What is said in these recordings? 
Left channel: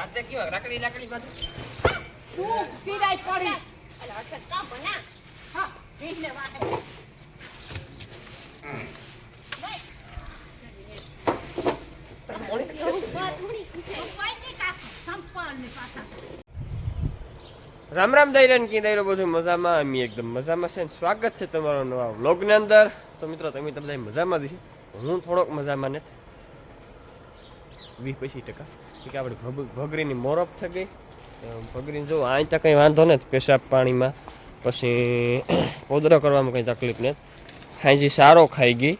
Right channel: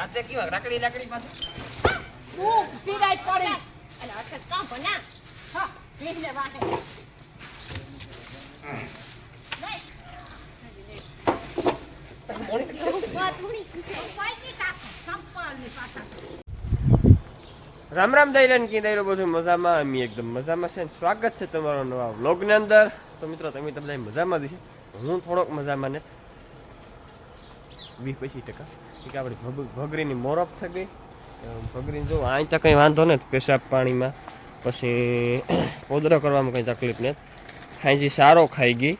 બાતે કેવા રાખડી લાકડી પાછું? તું સીધા જ પડી. અને અટક કાં બના હા ભીંડને વાગે. રામ રામ દૈરન કી દૈરો બધું? મજામાં? અમે એકદમ મજામાં છે ને. સ્વાગત છે તમારો નવા વ્લોગની અંદર. તો મિત્રો તમે તો બધા મજામાં જ છે હું થોડોક મજામાં નથી. વીસ પચીસ ટકા. ઠીક આપણે ભગ- ભગરીની મોરપ થઈ ગઈ. ભગરીને જો અહીં તો કંઈ વાંધો નથી પેશાબ પાણીમાં. પછી પોદરો કરવામાં કંઈ તકલીફ નથી. ખાંજી સારો ખાઈ ગઈ.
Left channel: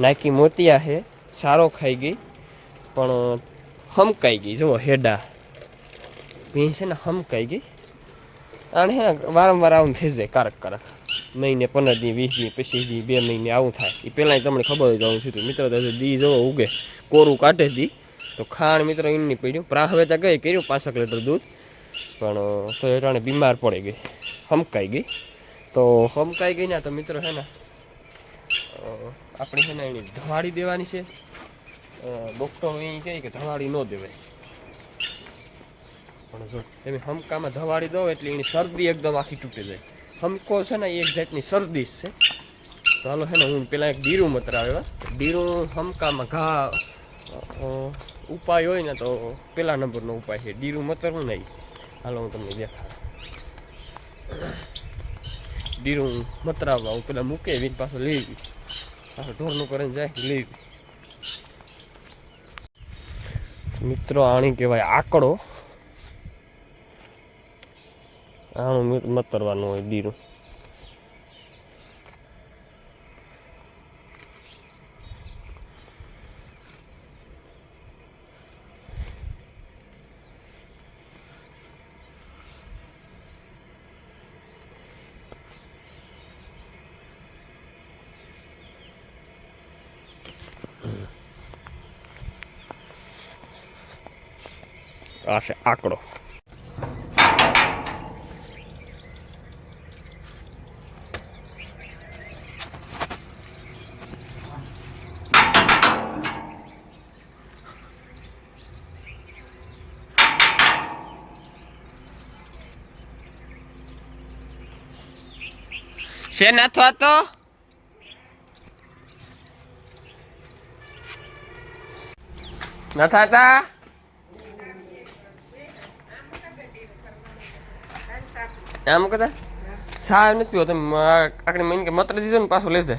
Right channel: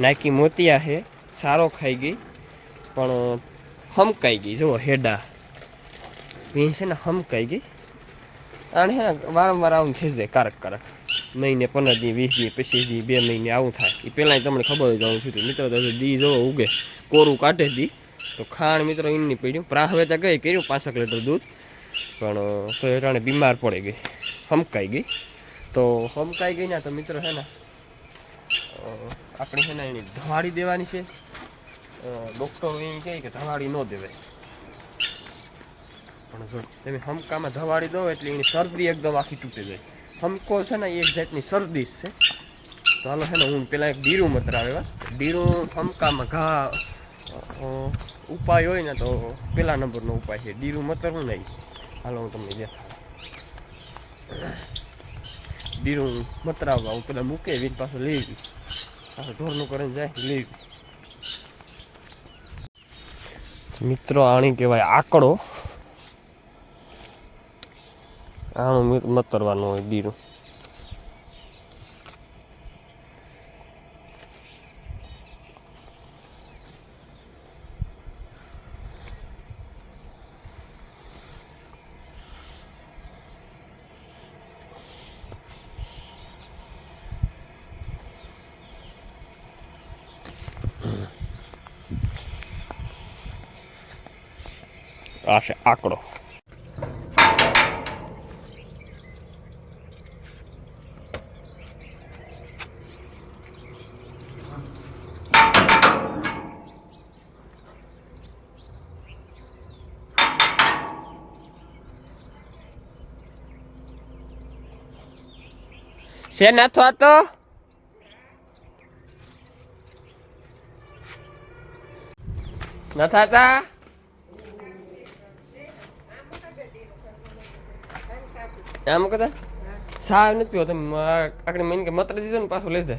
નાયકી મોતિયા છે, સારો ખાઈ ગઈ. પણ હમકાઈ ગઈ, જુઓ હેડા. ભીંસ છે ને હમકાઈ ગઈ. અને વારંવાર આવું થઈ જાય કારક કારક. મહિને પંદર દી, વીસ દી, પચીસ દી, બે મહિને આવું થાય. એ પહેલાં તમને ખબર જ આવું થયું મિત્રો તો દી જોવો ઉગે. કોરું કાઢે દી. તો ખાણ મિત્રો એમની પડ્યું. પ્રાહવેતા ગઈ કર્યું? પાંસઠ લીટર દૂધ. પણ તો એટાણે બીમાર પડી ગઈ. હમકાઈ ગઈ. તો હમકાઈ ગઈ ને તો મિત્રો છે ને આપણે છે ને એની ધવાડી દેવાની છે. ડૉક્ટર એમ કહે કે ધવાડી ન દેવાય. પણ જો તમે હમકામાં ધવાડી દો એટલે એની શરદી એકદમ આખી તૂટી જાય. હમકો છે ને એક જાતની શરદી છે. તો હાલો છે ને, હું પેલા એક ડીરું મતરાવ્યા ડીરું હમકામાં ઘા ઉપાય હોય ને તો પેલા નંબરનો ઉપાય છે. ડીરું મતરવું નહીં હાલો, હું તમને દેખાડું. ડીરું મતરાવવા હું પેલા મૂકે, એની પાછું લઈ ગયું પાછું ઢોરનું કરીને જાય, લઈ મિત્રો, આણી કહેવાય આકડો. આણું મતરવાનું હોય દીરું આ છે આકડો છે અથવા તો? નથાતા આમ કદા સાહેબ નથી પીવો તમે આકડી મહિને કે મત્ર દીધો ને પાછું લેજે.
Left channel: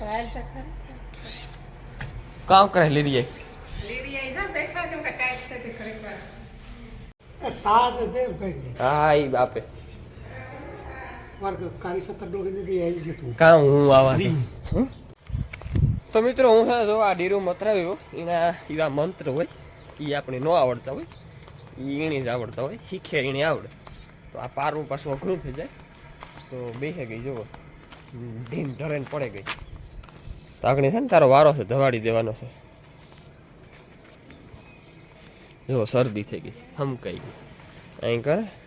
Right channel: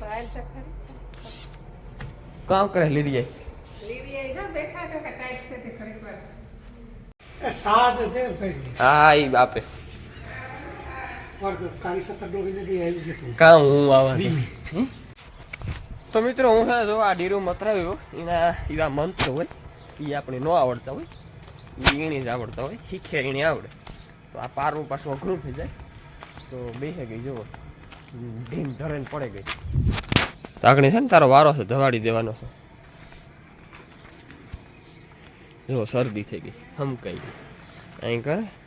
કામ કરે લીધી? જાય હા એ બાપે. કામ હું આવા તો મિત્રો હું જો આ ડીરો મતરાવ્યો એના એવા મંત્ર હોય એ આપણે ન આવડતા હોય. એની જ આવડતા હોય. શીખે એને આવડે. તો આ પારું પાછું અઘરું થઈ જાય. તો બેસે ગઈ, જુઓ. ઢીમ ધરે પડે ગઈ. તાકણી છે ને, તારો વારો છે, ધવાડી દેવાનો છે. જુઓ, શરદી થઈ ગઈ, હમકાઈ ગઈ. અહીં કરે.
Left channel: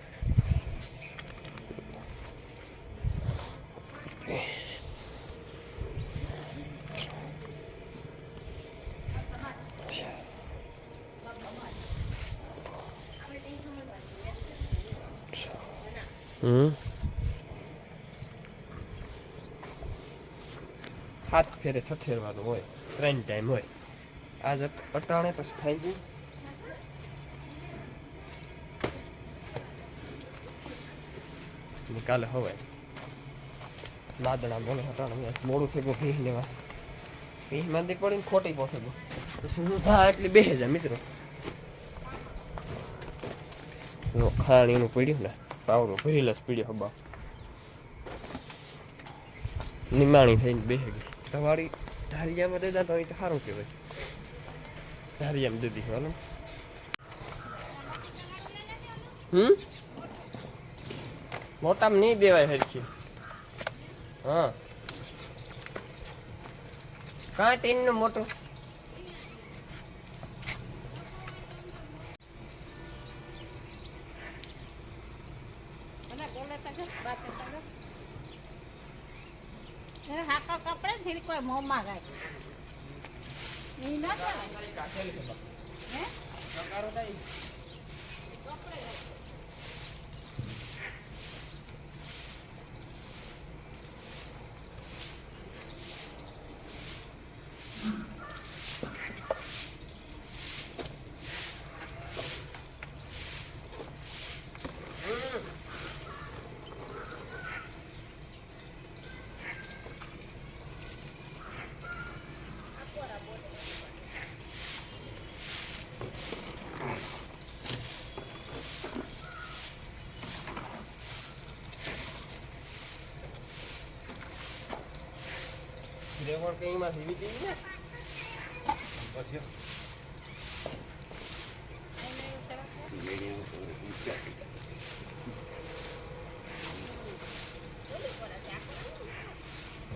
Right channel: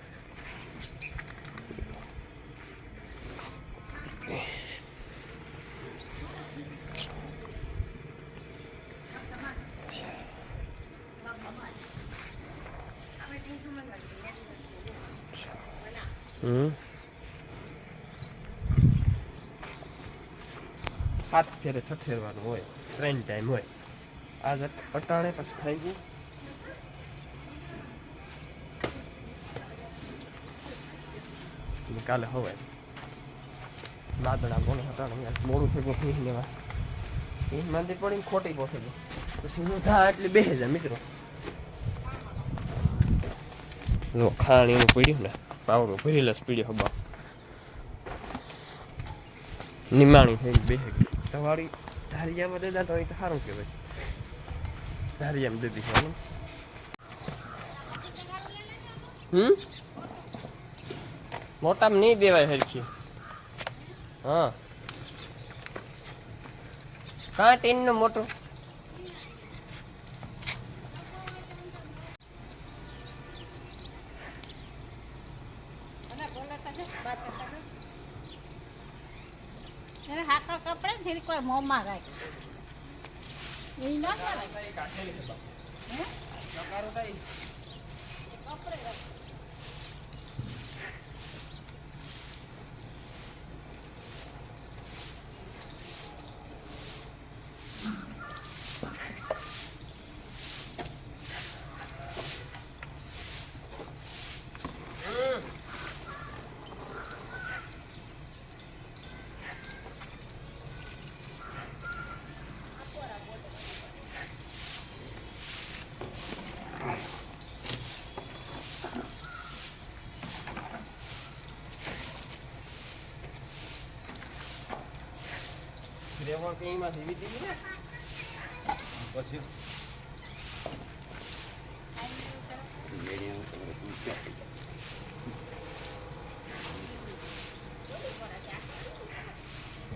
સાત ફેરે ઠઠેરવાનું હોય, ત્રણ ટાઈમ હોય આજ અટાણે પછી ખાઈ ગયું કાલે હવે દાદણા બોલો આજ મોડું ગયું ભીહ લેવા ભીહ માંદી પડીને ખોટી પહોંચે ગયો પછી હું જા એટલે બેસે હજાર મિત્રો. ખાણ એનું પડ્યું ને. પાવડો ભરેલા પીડ્યો હબા. નિમાણી થઈને ગઈ. તમારી ધારિયામાં દેતા તો તો સારું કહેવાય. ધારિયામાં દીધી છે. હમ? મોટામાં નહીં દેવાય હરખી. હા. કાં ટીનનું મોટું. થોડી કોઈ મોંમાં રાખે ઈ ન કરે. હે? રેવણ કે એમાં જીવી દેવી ને? પછી?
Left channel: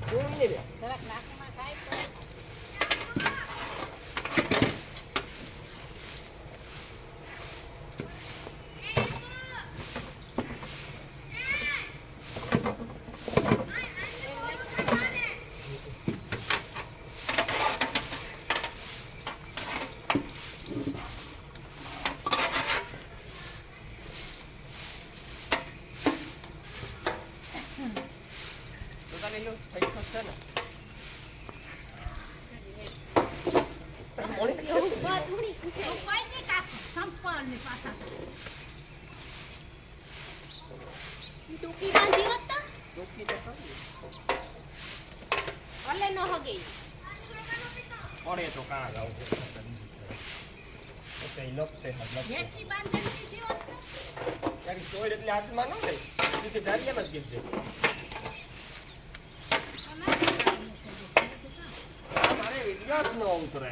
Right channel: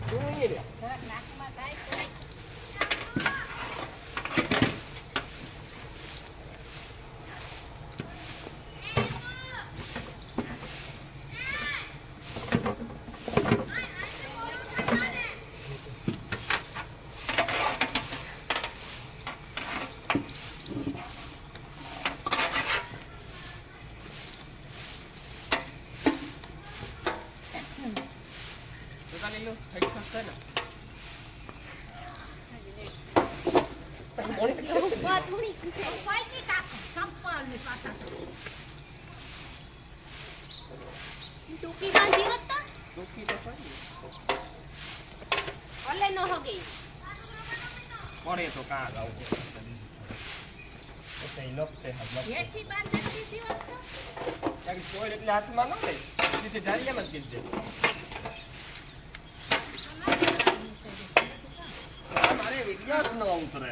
શું નહીં રે જરાક નાકમાં તો તો તારે લ્યો થઈ શકશે ને મોણી કેટલી કોઈ નહીં કાકા સંપર્ણની પાસે ટૂંકી બાંધી હોત તો દુખી તો ખરી ઓલે ન હગી પડે તો કાં ગાવ તો તે લપતે હાથ લપતે જેટલી બાર નથી થયો કારણ ચોર એટલે હાથમાં ન લઈ સીધી ધારિયામાં જ કીધી દે મારે વિડિયો જ ન ઉતરે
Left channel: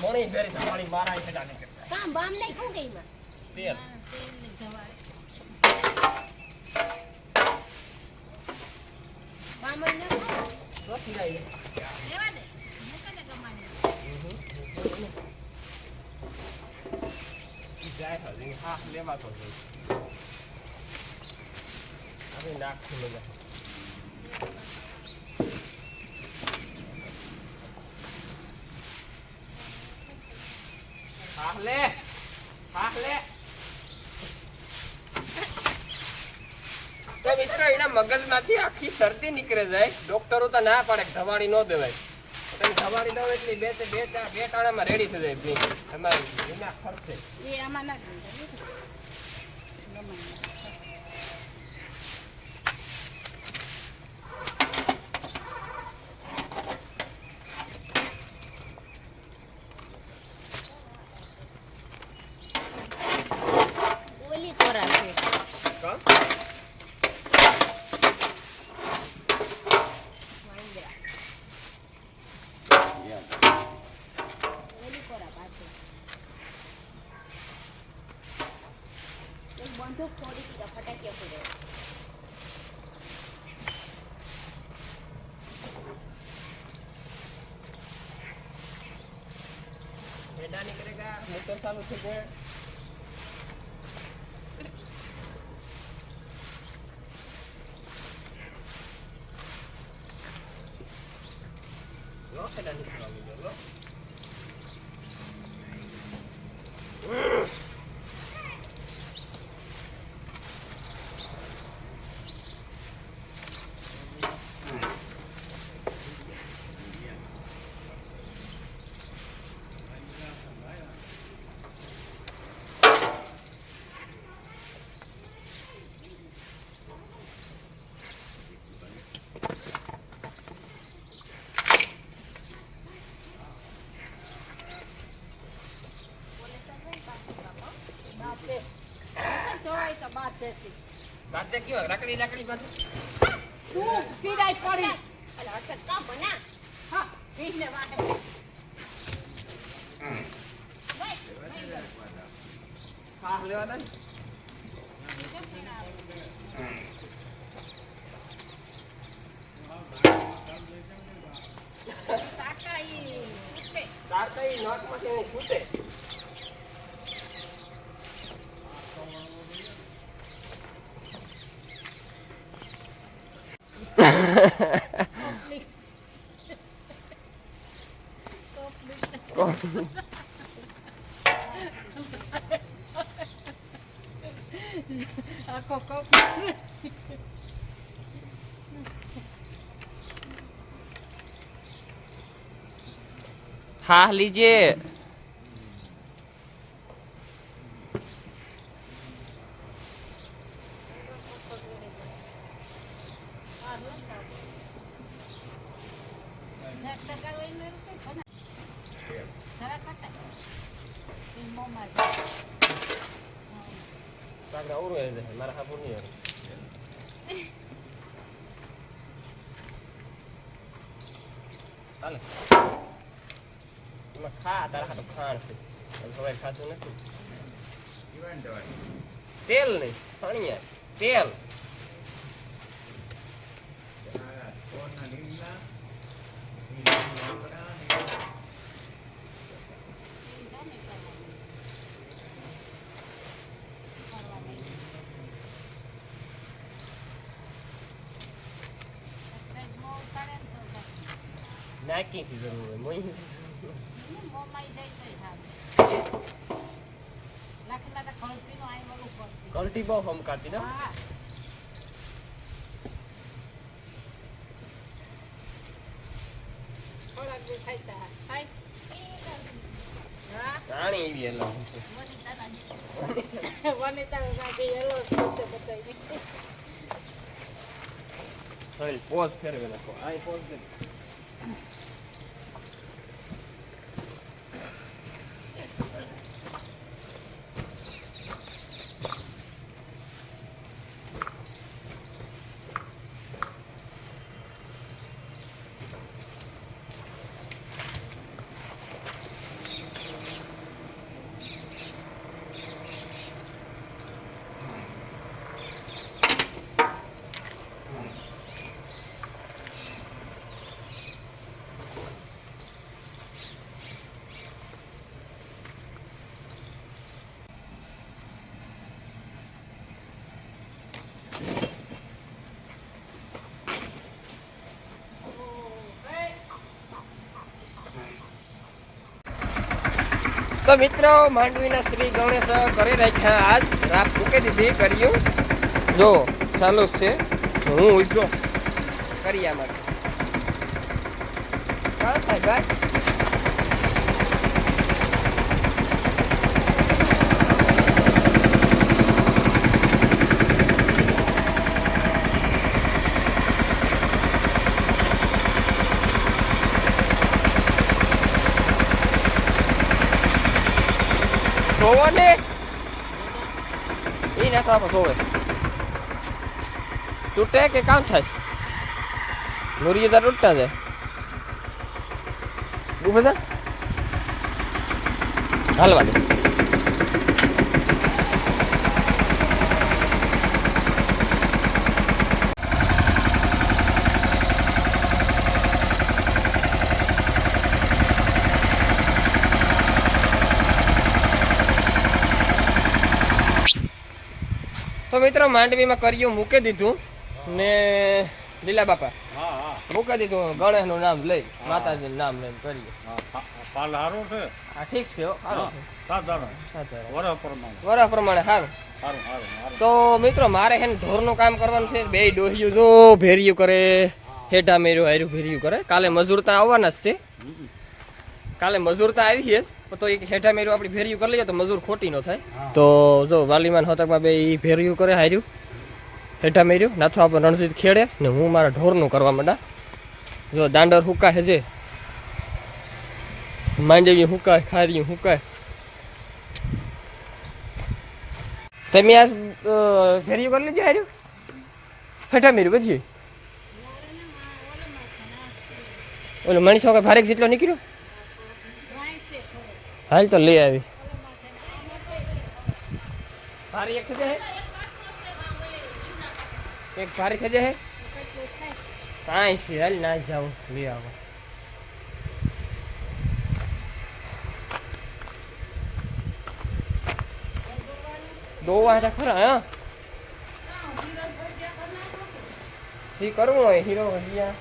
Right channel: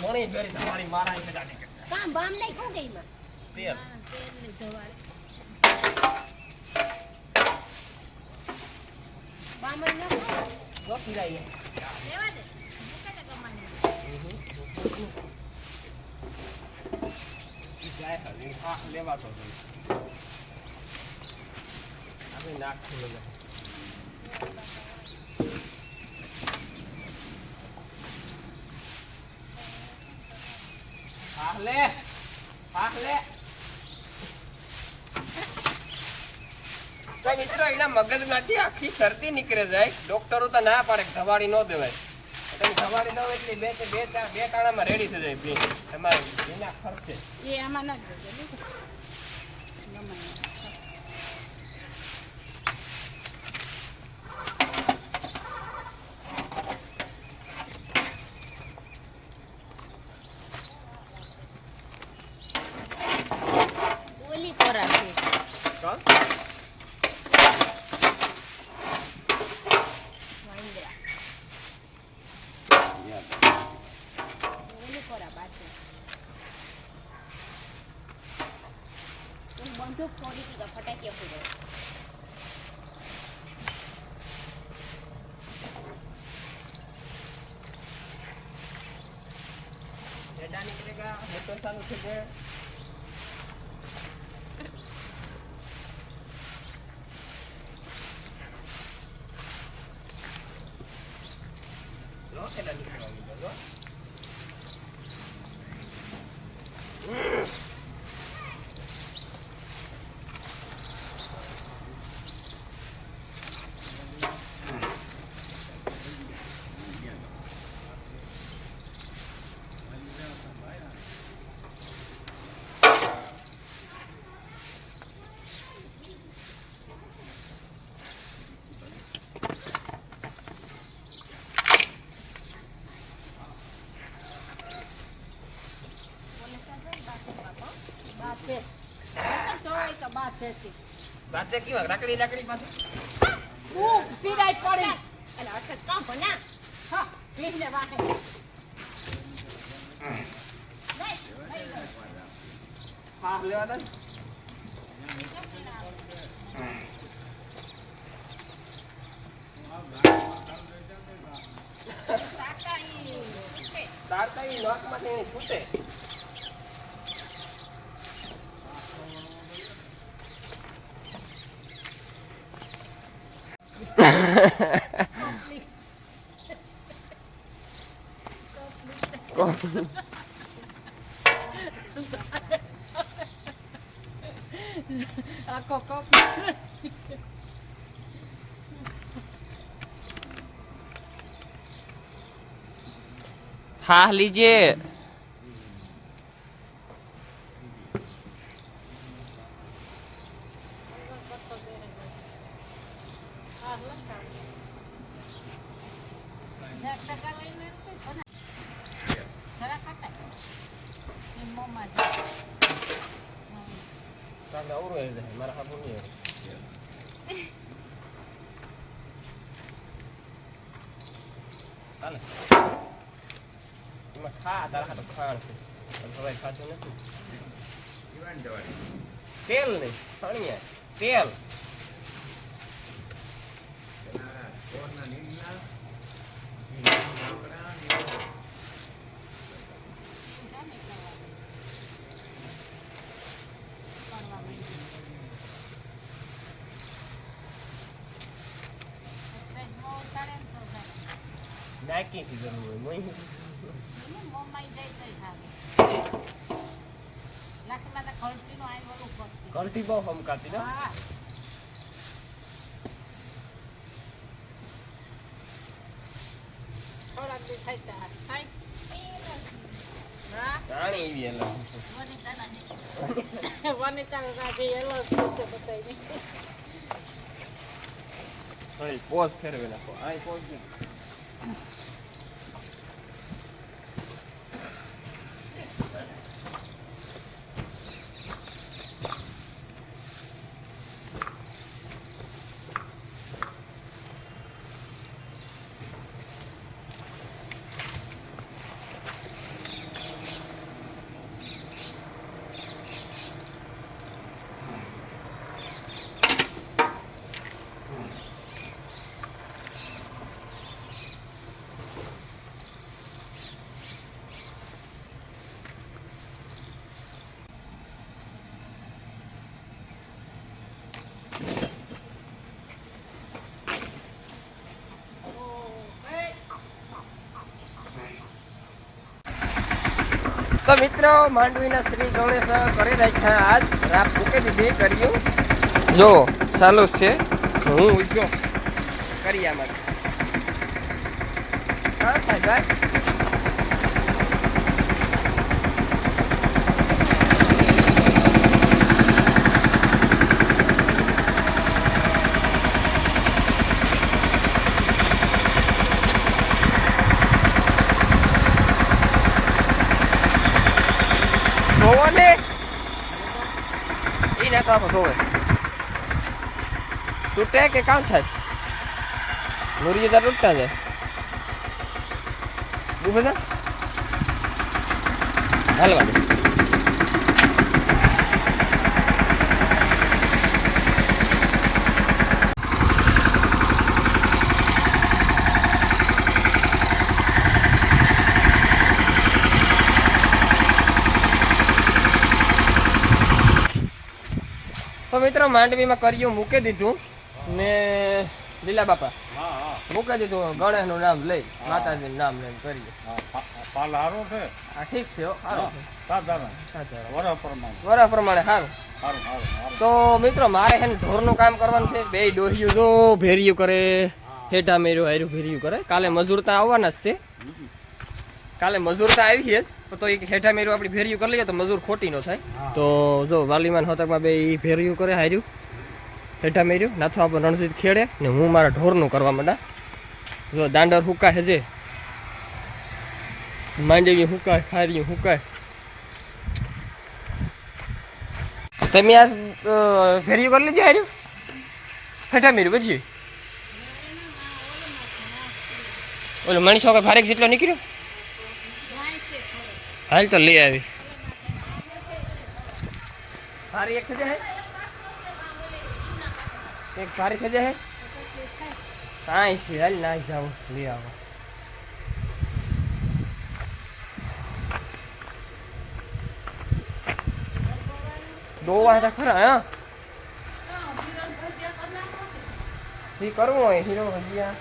મણી ભેરી તમારી મારા છે દાદી કરતા. કામ બામ નહીં શું ગઈ માં તેલ. તેલની જવાય બામ ન નથી જાય લેવા દે. મોકલે ગમાને જાય હજી હા લેવા તો આપણે નાક ખુલે જાય. હા લે તો મિત્રો, એના મગજમાંથી આખી શરદી નીકળે જાય. ડોક્ટરો તો ના પાડે ધવાડી ન દેવાય. તમે ધવાડી દો એટલે બે બે બે ટાણામાં રેડી થઈ જાય તમારે વિના ખર્ચે. એ આમાં ના ગમે ઓલી કોરા છે કોણ ઓલી કોરા પાછી બંદૂક છોડી દીધા ફટાક્યા પૂરો હેડા નીકળેગા મોટર ચાલુ થઈ ગયો લો હેડા નીકળવા માંડ્યો લો બાદ છે ચોવાય તો બાદ છે વાત કેવા લાકડી લાકડી પાછું ખૂબ સીધાઈ પડી અને અસર કાં બના હા થઈ ગયું. હા લેવા દે ઈ ઉઠે. તાર તો ઈ નાકમાંથી અહીં છૂટે હા લીજે મારા હાપુર નહીં ચાલે એમાં ખા તારા હાથે ખાણ છે તને ખબર ખાતું નથી તેલ નહીં સણિયા તેલ નાખીથી જરૂર હોય કલટી બહુ હમકાતી ના? થાય ત્યાં હા. રાણી એવી હવે પોઝ ફેરવે નાખો. આ પોઝ તો મિત્રો, માંડવીના શ્રી ગણેશ કરી રાખ્યા. આજ રાત મૂકી દીધી કર્યું જો ચાલુ છે. હું ઉઠ્યો કરી આમાં. હા થાય ભાઈ જોવો ને આપણે જોવે તૂટે કે કામ થાય. મુરગી તાર તૂટતા જાય. ઊભો છે હાલવા દે. તો મિત્રો, માંડવીમાં કર્યું, મૂકી દીધું ને લીલા બાપા. મૂકી દીધું, ગણેશનું નામ લઈ, માતાજીનું નામ લઈને કરીએ. આ ઠીક છે હો. વરસ પ્રમાણે સારું. તો મિત્રો, મારે ને ઢોરનું કામ કરવાનું છે. બે ડોહિયું ભેરિયું કરે, હેઠા મેર્યું, હાર્યું ભેરિયું કરે. કાલે મજૂર ત્યાં આવવાના જ છે. કાલે મજૂર તો આવી છે તો એક હેઠા મેર્યું, આપણી ભેરિયું કરી લઈએ તો મજૂર ખોટી ન થાય. તો જો વાલીમાન હોતકમાં બે એ ભેરિયું કરે, હાર્યું. હેઠા મેર્યું, નાથો આપણે રણજીત ખેડે ને હું મારા ઢોરનું કરવા માંડા. જો દાંડર હુકા હેજે માંડવી હુકાય, ખારી હુકાય. તમે આ ફેરિયું કરી લીધી હાર્યું? હેઠા મેર્યું પછી ઓલો મણી કે ભારેક જેટલો નીકળ્યો? હાલ તો લઈ આવી ભારી એક થજે હે એક ભારી થજે હે કાંઈ છે હાલ ના જાવ લઈ આવો દોવા હતા ખરા હા ઈ કરવું હોય હીરો ભજીયા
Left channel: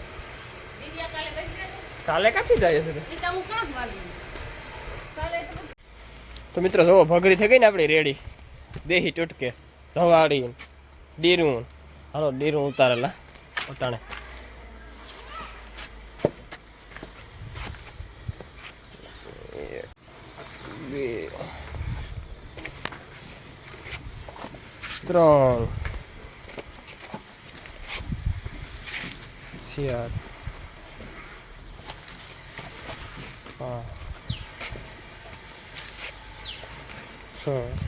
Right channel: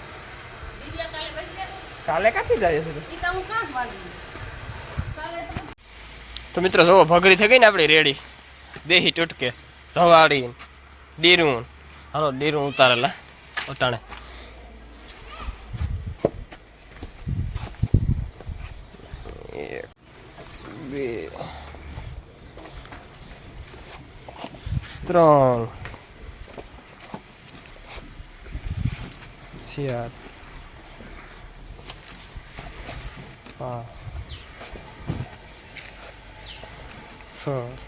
કાલે ક્યાંથી જાય છે ઈ તો મિત્રો જોવો, ભગરી થઈ ગઈ ને આપણી રેડી. દેહી ટૂટકે, ધવાડી, દીરું. હાલો, દીરું ઉતારેલા, ઉતાણે. બે, ત્રણ. ચાર પાંચ. છ